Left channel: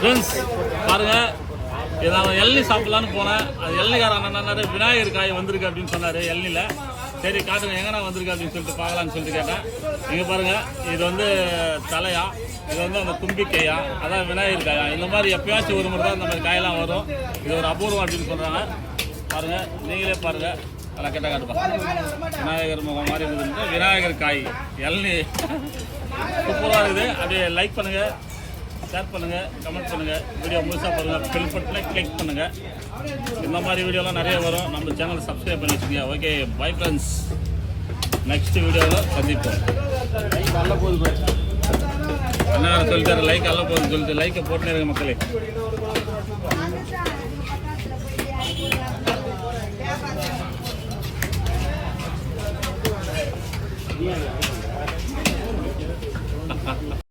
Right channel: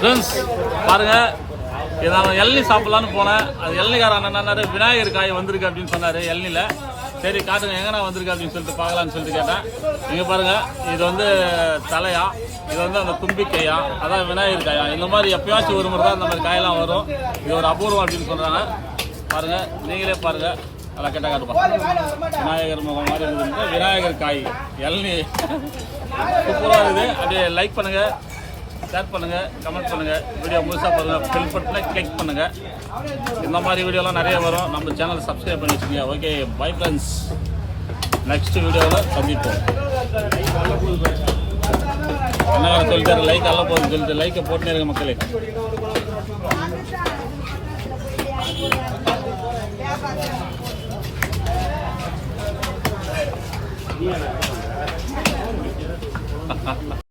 Friends பாருங்க, இது நான் இளநீ சாப்பிடலான்னு போனேன். அது இளநீக்காரன் என்னன்னாரு, விநாயகர் காய் வந்திருக்கு அப்படின்னு சொன்னாரு இளநில. சரி காட்டுங்க எங்கன்னா வந்திருக்கு அப்படின்னு சொல்லிட்டு பார்க்கலான்னு சொல்லிட்டு கேட்டேன். இங்கே பாருங்க, இது வந்து தலையா, இது வந்து அந்த தும்பிக்கையா, அதான் விநாயகர் காயா. இந்த மாதிரி எப்பயாச்சும் ஒரு முறை தான் இந்த மாதிரி காயெல்லாம் வரும். இது ஒரு அபூர்வம் அப்படின்னு சொல்றாங்க. பாருங்க, நீங்களே பாருங்க. அதெல்லாம் கேட்டால் காட்டுப்பா, விநாயகர் முகம் மாதிரி இருக்குது. விநாயகர் காய் இளநீ சூப்பராக இருக்குது. அப்படியே லைக் பண்ணுங்க, ஷேர் பண்ணுங்க, கமெண்ட் பண்ணுங்க, வீடியோ முழுசாக பாருங்க, பெல் பட்டனை கிளிக் பண்ணுங்க. இந்த மாதிரி வீடியோலாம் நிறைய வரும். நம்ம சேனல் சப்ஸ்கிரைப் பண்ணி வச்சுக்கோங்க. Okay, bye friends. நெக்ஸ்ட் வீடியோவில் சந்திப்போம். என்ன சொல்லிட்டாரு, லைக் அல்ல போகுதுன்னு சொல்லிட்டு லைக்கை போட்டுனே இருக்க மக்களே.